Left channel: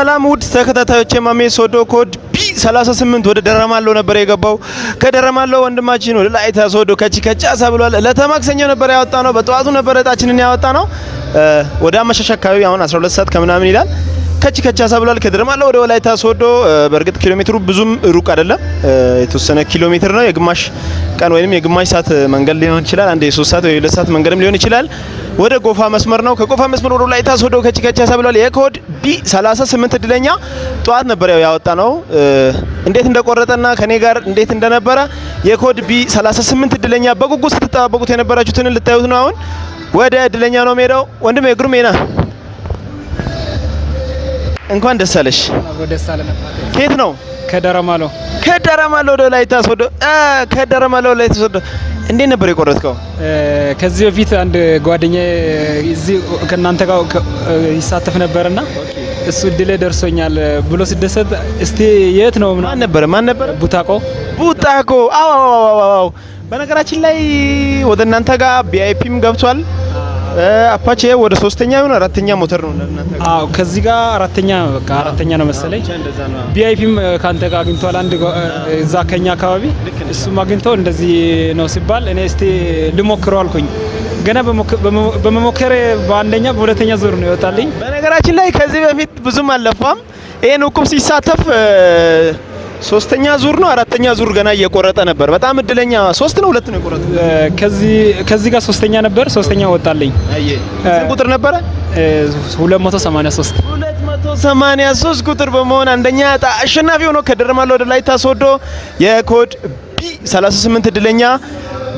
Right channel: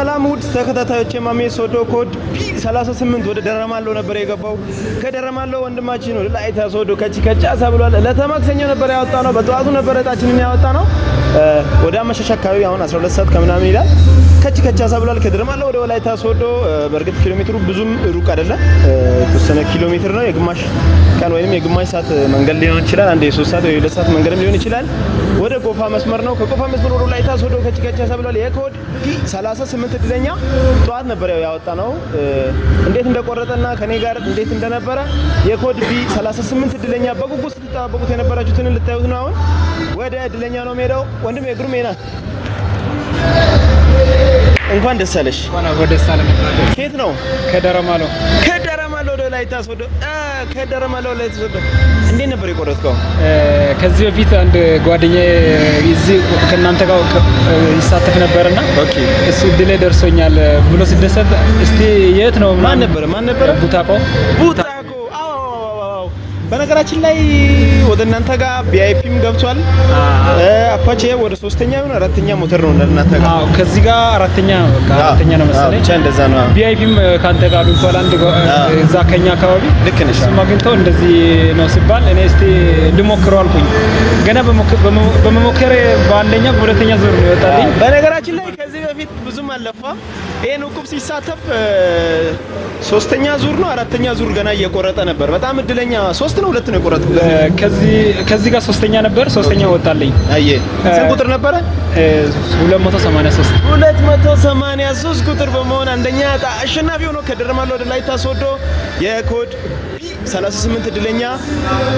ሰላም ውድ ተከታታዮች ማሜ ሶዶ ኮድ ቢ38 ወደ ደረማሎ ነበር የገባው። ከደረማሎ ወንድማችን ወደ ላይታ ሶዶ ከቻሳ ብሏል። ለተማክሰኞ ነበር ያወጣነው። በጠዋቱ ነበር እጣችንን ያወጣነው። ወደ አመሻሽ አካባቢ አሁን 12 ሰዓት ከምናምን ይላል። ከቻሳ ብሏል። ከደረማሎ ወደ ወላይታ ሶዶ በእርግጥ ኪሎ ሜትሩ ብዙም ሩቅ አይደለም። የተወሰነ ኪሎ ሜትር ነው። የግማሽ ቀን ወይንም የግማሽ ሰዓት መንገድ ሊሆን ይችላል። አንድ የ3 ሰዓት ወይ 2 ሰዓት መንገድም ሊሆን ይችላል። ወደ ጎፋ መስመር ነው። ከጎፋ መስመር ወደ ወላይታ ሶዶ ከቻሳ ብሏል። የኮድ ቢ38 እድለኛ ጧት ነበር ያወጣነው። እንዴት እንደቆረጠና ከኔ ጋር እንዴት እንደነበረ የኮድ ቢ38 እድለኛ በጉጉት ስትጠባበቁት የነበራችሁትን ልታዩት ነው። አሁን ወደ እድለኛ ነው ሄደው ወንድሜ ግሩሜና እንኳን ደስ አለሽ። ከየት ነው? ከደረማሎ ወደ ወላይታ ሶዶ። ከደረማሎ ወደ ወላይታ ሶዶ እንዴት ነበር የቆረጥከው? ከዚህ በፊት አንድ ጓደኛዬ እዚህ ከእናንተ ጋር ይሳተፍ ነበርና እሱ እድሌ ደርሶኛል ብሎ ሲደሰት እስቲ የት ነው? ማን ነበረ? ቡታኮ። አዎ በነገራችን ላይ ወደ እናንተ ጋር ቪአይፒም ገብቷል። አፓቼ ወደ 3ኛ ይሁን 4ኛ ሞተር ነው እናንተ ጋር። አዎ ከዚህ ጋር 4ኛ ነው፣ በቃ 4ኛ ነው መሰለኝ። ብቻ እንደዛ ነው። ቪአይፒም ካንተ ጋር ገብቷል። አንድ እዛ ከኛ አካባቢ እሱም አግኝተው እንደዚህ ነው ሲባል እኔ እስቲ ልሞክረው አልኩኝ። ገና በመሞከሬ በአንደኛ በሁለተኛ ዙር ነው ይወጣልኝ። በነገራችን ላይ ከዚህ በፊት ብዙም አልለፋም። ይሄን እቁብ ሲሳተፍ 3ኛ ዙር ነው 4ኛ ዙር ገና እየቆረጠ ነበር። በጣም እድለኛ 3 ነው 2 ነው የቆረጠው። ከዚህ ጋር 3ኛ ነበር፣ 3ኛ ወጣልኝ። ስንት ቁጥር ነበረ? 283 ቁጥር በመሆን አንደኛ አሸናፊ ሆኖ ከደረማሎ ወደ ላይታ ሶዶ የኮድ ቢ38 እድለኛ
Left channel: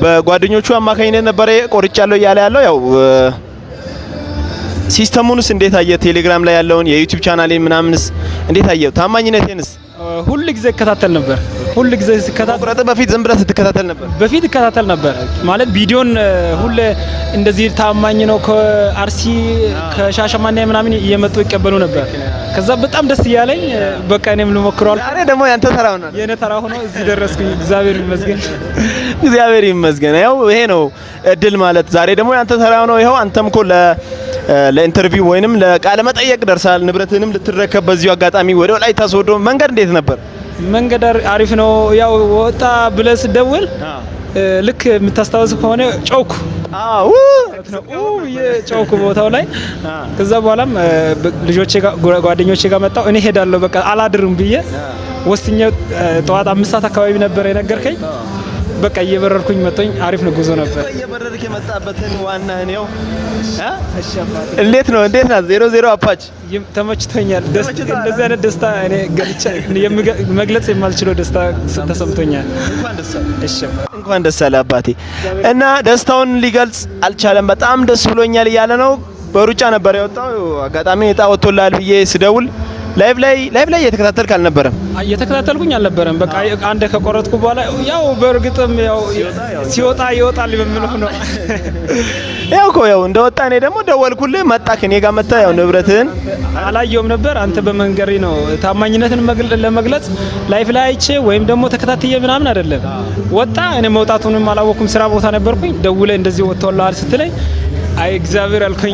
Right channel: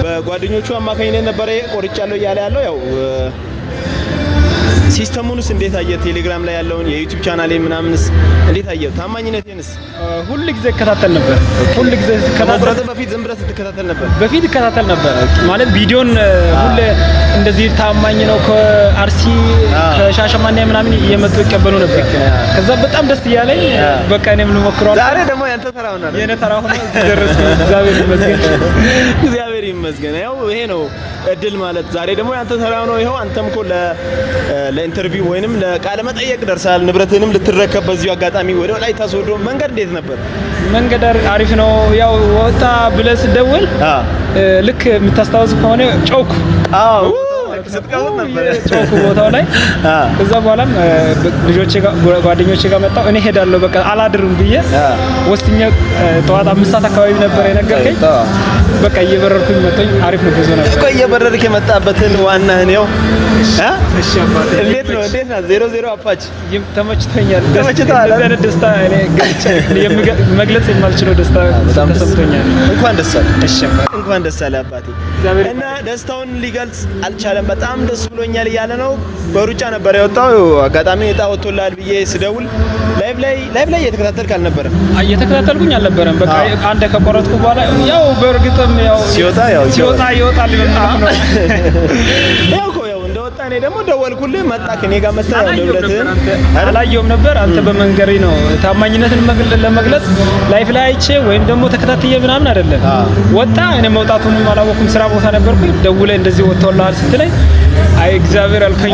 በጓደኞቹ አማካኝነት ነበር ቆርጫለሁ እያለ ያለው። ያው ሲስተሙንስ እንዴት አየ? ቴሌግራም ላይ ያለውን የዩቲዩብ ቻናሌን ምናምንስ እንዴት አየ? ታማኝነቴንስ ሁሉ ጊዜ እከታተል ነበር። ሁሉ ጊዜ ከመቁረጥ በፊት ዝም ብለህ ስትከታተል ነበር? በፊት እከታተል ነበር ማለት ቪዲዮን ሁሉ እንደዚህ ታማኝ ነው። ከአርሲ ከሻሸማኔ ምናምን እየመጡ ይቀበሉ ነበር። ከዛ በጣም ደስ እያለኝ በቃ እኔም ልሞክረው። ዛሬ ደግሞ ያንተ ተራ ሆነ። የኔ ተራ ሆነ። እዚህ ደረስኩኝ። እግዚአብሔር ይመስገን። ያው ይሄ ነው እድል ማለት። ዛሬ ደግሞ ያንተ ተራ ነው። ይሄው አንተም እኮ ለኢንተርቪው ወይንም ለቃለ መጠየቅ ደርሳል። ንብረትንም ልትረከብ በዚሁ አጋጣሚ ወደ ወላይታ ሶዶ መንገድ እንዴት ነበር? መንገድ አሪፍ ነው። ያው ወጣ ብለህ ስትደውል ልክ የምታስታውስ ከሆነ ጮኩ። አዎ ጮኩ ቦታው ላይ። ከዛ በኋላም ጓደኞቼ ጋር መጣሁ። እኔ ሄዳለሁ በቃ አላድርም ብዬ ወስኜ ጠዋት 5 ሰዓት አካባቢ ነበር የነገርከኝ። በቃ እየበረርኩኝ መጣኝ። አሪፍ ነው ጉዞ ነበር እኮ። እየበረርክ የመጣበትን ዋናህን ያው እንዴት ናት 00 አፓች? ተመችቶኛል። እንደዚህ አይነት ደስታ እኔ መግለጽ የማልችለው ደስታ ተሰምቶኛል። እንኳን ደስ አለ አባቴ። እና ደስታውን ሊገልጽ አልቻለም። በጣም ደስ ብሎኛል እያለ ነው። በሩጫ ነበር የወጣው። አጋጣሚ እጣ ወጥቶላል ብዬ ስደውል ላይቭ ላይ እየተከታተልክ አልነበረም? እየተከታተልኩኝ አልነበረም። በቃ አንድ ከቆረጥኩ በኋላ ያው በእርግጥም ያው ሲወጣ ይወጣል ልምልክ ነው። ያው እንደወጣ እኔ ደግሞ ደወልኩልህ። መጣ ከኔ ጋር መጣ። ያው ንብረትህን አላየሁም ነበር። አንተ በመንገሬ ነው ታማኝነትን ለመግለጽ ላይቭ ላይ አይቼ ወይም ደግሞ ተከታትዬ ምናምን አይደለም። ወጣ እኔ መውጣቱንም አላወኩም። ስራ ቦታ ነበርኩኝ። ደውለህ እንደዚህ ወጥቶልሃል ስትለኝ አይ እግዚአብሔር አልከኝ።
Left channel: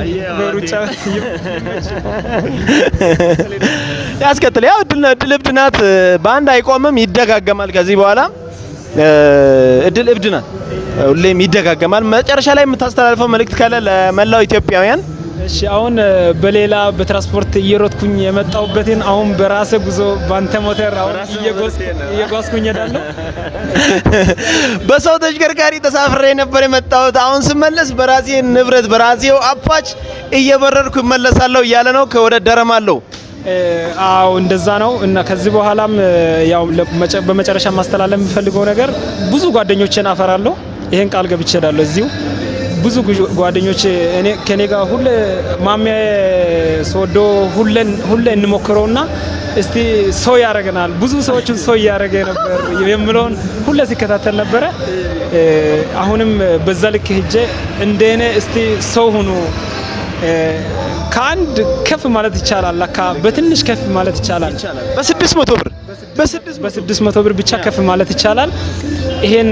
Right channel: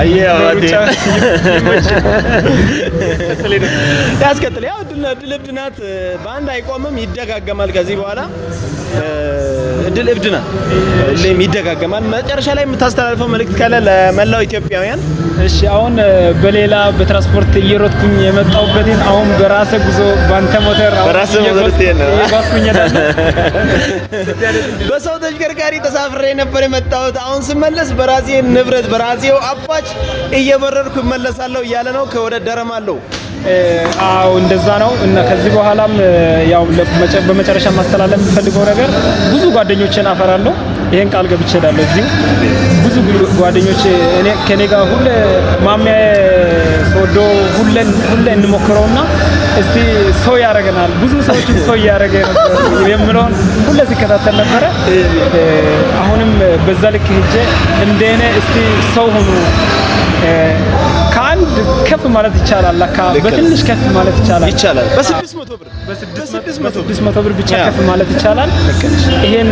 ያስከተለ ያው እድል እብድ ናት። በአንድ አይቆምም፣ ይደጋገማል። ከዚህ በኋላ እድል እብድ ናት፣ ሁሌም ይደጋገማል። መጨረሻ ላይ የምታስተላልፈው መልእክት ካለ ለመላው ኢትዮጵያውያን? እሺ አሁን በሌላ በትራንስፖርት እየሮጥኩኝ የመጣሁበትን አሁን በራሴ ጉዞ ባንተ ሞተር በሰው ተሽከርካሪ ተሳፍሬ ነበር የመጣሁት። አሁን ስመለስ በራሴ ንብረት በራሴው አፓች እየበረርኩ እመለሳለሁ እያለ ነው። ከወደ ደረማሎ አው እንደዛ ነው። እና ከዚህ በኋላም ያው በመጨረሻ ማስተላለፍ የምፈልገው ነገር ብዙ ጓደኞቼን አፈራለሁ። ይሄን ቃል ገብቼ እሄዳለሁ። እዚሁ ብዙ ጓደኞቼ ከኔ ጋር ሁሌ ማሚያ ሶዶ ሁሌ እንሞክረውና እስቲ ሰው ያረጋናል። ብዙ ሰዎችን ሰው ያረጋ ነበር የምለውን ሁሌ ሲከታተል ነበረ። አሁንም በዛ ልክ ሄጄ እንደኔ እስቲ ሰው ሁኑ። ከአንድ ከፍ ማለት ይቻላል። ለካ በትንሽ ከፍ ማለት ይቻላል። በ600 ብር በ600 ብር ብቻ ከፍ ማለት ይቻላል። ይሄን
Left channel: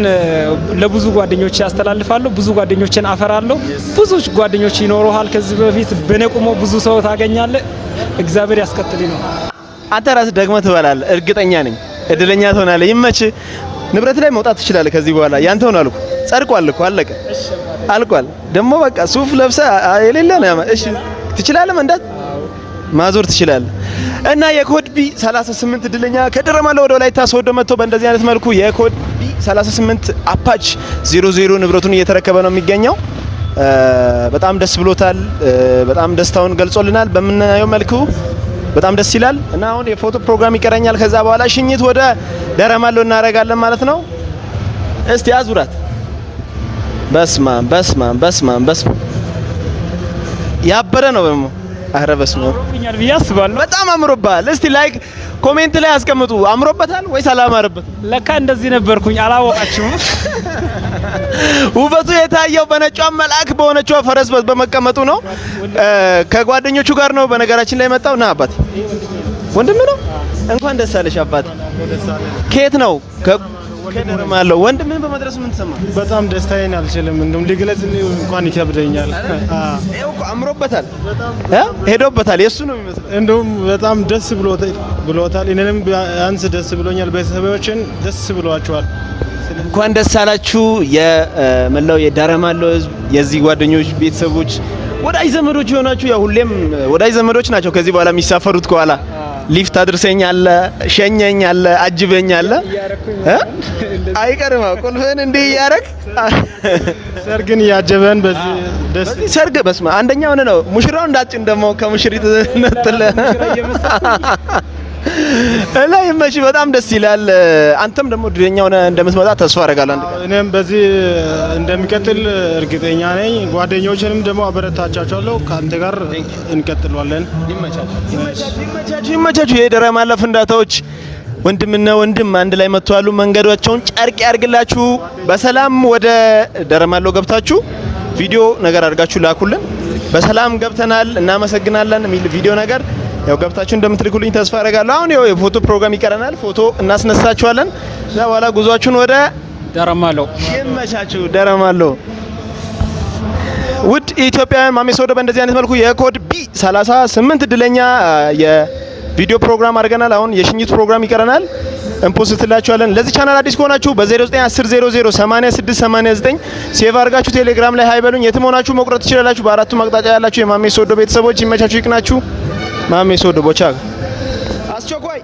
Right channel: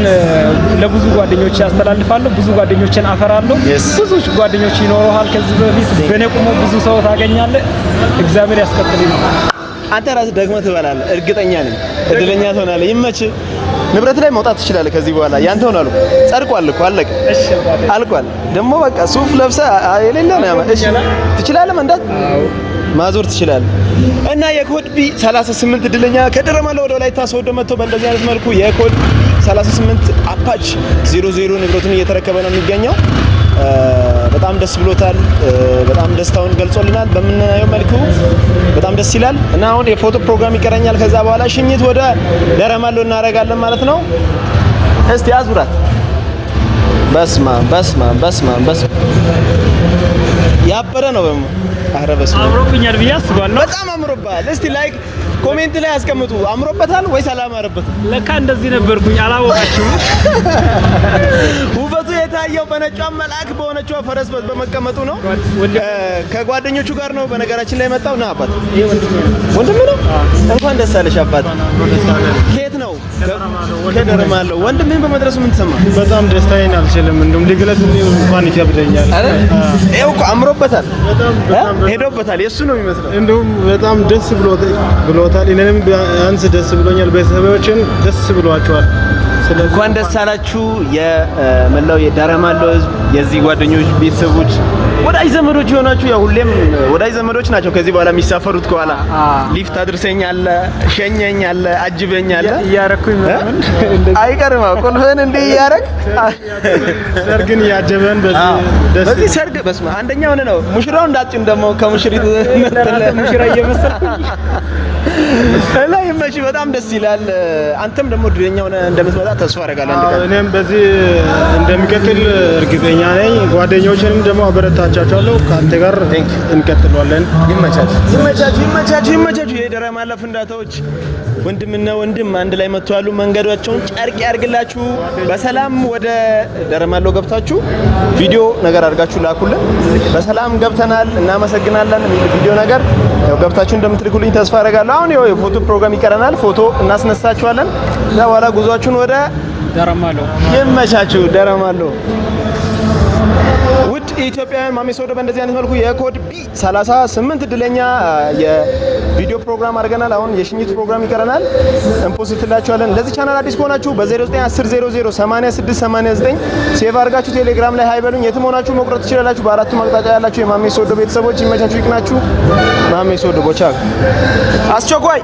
ለብዙ ጓደኞች ያስተላልፋለሁ። ብዙ ጓደኞችን አፈራለሁ። ብዙ ጓደኞች ይኖሩሃል። ከዚህ በፊት በነቁሞ ብዙ ሰው ታገኛለህ። እግዚአብሔር ያስቀጥልኝ። አንተ ራስህ ደግመህ ትበላለህ። እርግጠኛ ነኝ እድለኛ ትሆናለህ። ይመችህ። ንብረት ላይ መውጣት ትችላለህ። ከዚህ በኋላ ያንተ ሆናሉ። ጸድቋል እኮ አለቀ። አልቋል። ደግሞ በቃ ሱፍ ለብሰህ የሌለ ነው። እሺ ትችላለህ፣ መንዳት ማዞር ትችላለህ። እና የኮድ ቢ 38 እድለኛ ከደረማለሁ ወደ ወላይታ ሶዶ መጥቶ በእንደዚህ አይነት መልኩ የኮድ ቢ 38 አፓች 00 ንብረቱን እየተረከበ ነው የሚገኘው። በጣም ደስ ብሎታል። በጣም ደስታውን ገልጾልናል። በምናየው መልኩ በጣም ደስ ይላል። እና አሁን የፎቶ ፕሮግራም ይቀረኛል። ከዛ በኋላ ሽኝት ወደ ደረማለሁ እናደርጋለን ማለት ነው። እስቲ አዙራት። በስማ ያበረ ነው ደግሞ። አረ በስማ አምሮብኛል ብዬ አስባለሁ። በጣም አምሮብሃል። እስቲ ላይክ ኮሜንት ላይ አስቀምጡ። አምሮበታል ወይስ አላማረበት? ለካ እንደዚህ ነበርኩኝ አላወቃችሁም። ውበቱ የታየው በነጯ መልአክ በሆነችው ፈረስ በመቀመጡ ነው። ከጓደኞቹ ጋር ነው በነገራችን ላይ መጣው። ና አባት ወንድም ነው። እንኳን ደስ አለሽ አባት። ከየት ነው? ከደረማለሁ። ወንድምህን በመድረሱ ምን ተሰማ? በጣም ደስታዬን አልችልም እንደም ሊግለጽ እንኳን ይከብደኛል። ይኸው እኮ አምሮበታል፣ ሄዶበታል። የሱ ነው የሚመስለው። እንደውም በጣም ደስ ብሎታል። እኔንም ቢያንስ ደስ ብሎኛል። ቤተሰቦችን ደስ ብሏቸዋል። እንኳን ደስ አላችሁ የመላው የደረማለሁ ሕዝብ፣ የዚህ ጓደኞች ቤተሰቦች፣ ወዳጅ ዘመዶች የሆናችሁ። ያው ሁሌም ወዳጅ ዘመዶች ናቸው ከዚህ በኋላ የሚሳፈሩት። ከኋላ ሊፍት አድርሰኝ አለ፣ ሸኘኝ አለ፣ አጅበኝ አለ። እያረኩኝ አይቀርም ቁልፍህን እንዲህ እያረግ ሰርግን እያጀበን በዚህ ሰርግ በስመ አንደኛ ሆነ ነው። ሙሽራው እንዳጭም ደግሞ ከሙሽሪት ነጥለ ሙሽራ እየመሰለ ላይ መቼ በጣም ደስ ይላል። አንተም ደግሞ ድረኛ ሆነ እንደምትመጣ ተስፋ አደርጋለሁ። እኔም በዚህ እንደሚቀጥል እርግጠኛ ነኝ። ጓደኞችንም ደግሞ አበረታቻቸዋለሁ። ከአንተ ጋር እንቀጥላለን። ይመቻችሁ። የደረማለሁ ፍንዳታዎች ወንድምና ወንድም አንድ ላይ መጥተዋል። መንገዶቻቸውን ጨርቅ ያርግላችሁ። በሰላም ወደ ደረማለሁ ገብታችሁ ቪዲዮ ነገር አድርጋችሁ ላኩልን። በሰላም ገብተናል እናመሰግናለን የሚል ቪዲዮ ነገር ያው ገብታችሁ እንደምትልኩልኝ ተስፋ አደርጋለሁ። አሁን ያው የፎቶ ፕሮግራም ይቀረናል። ፎቶ እናስነሳችኋለን። ከዛ በኋላ ጉዟችሁን ወደ ደረማለሁ። ይመቻችሁ። ደረማለሁ ውድ ኢትዮጵያውያን ማሜ ሶዶ በእንደዚህ አይነት መልኩ የኮድ ቢ 38 እድለኛ የቪዲዮ ፕሮግራም አድርገናል። አሁን የሽኝት ፕሮግራም ይቀረናል። እንፖስትላችኋለን። ለዚህ ቻናል አዲስ ከሆናችሁ በ0910008689 ሴቭ አድርጋችሁ ቴሌግራም ላይ ሃይ በሉኝ። የትም ሆናችሁ መቁረጥ ትችላላችሁ። በአራቱም አቅጣጫ ያላችሁ የማሜ ሶዶ ቤተሰቦች ይመቻችሁ፣ ይቅናችሁ። ማሜ ሶዶ ቦቻ አስቸኳይ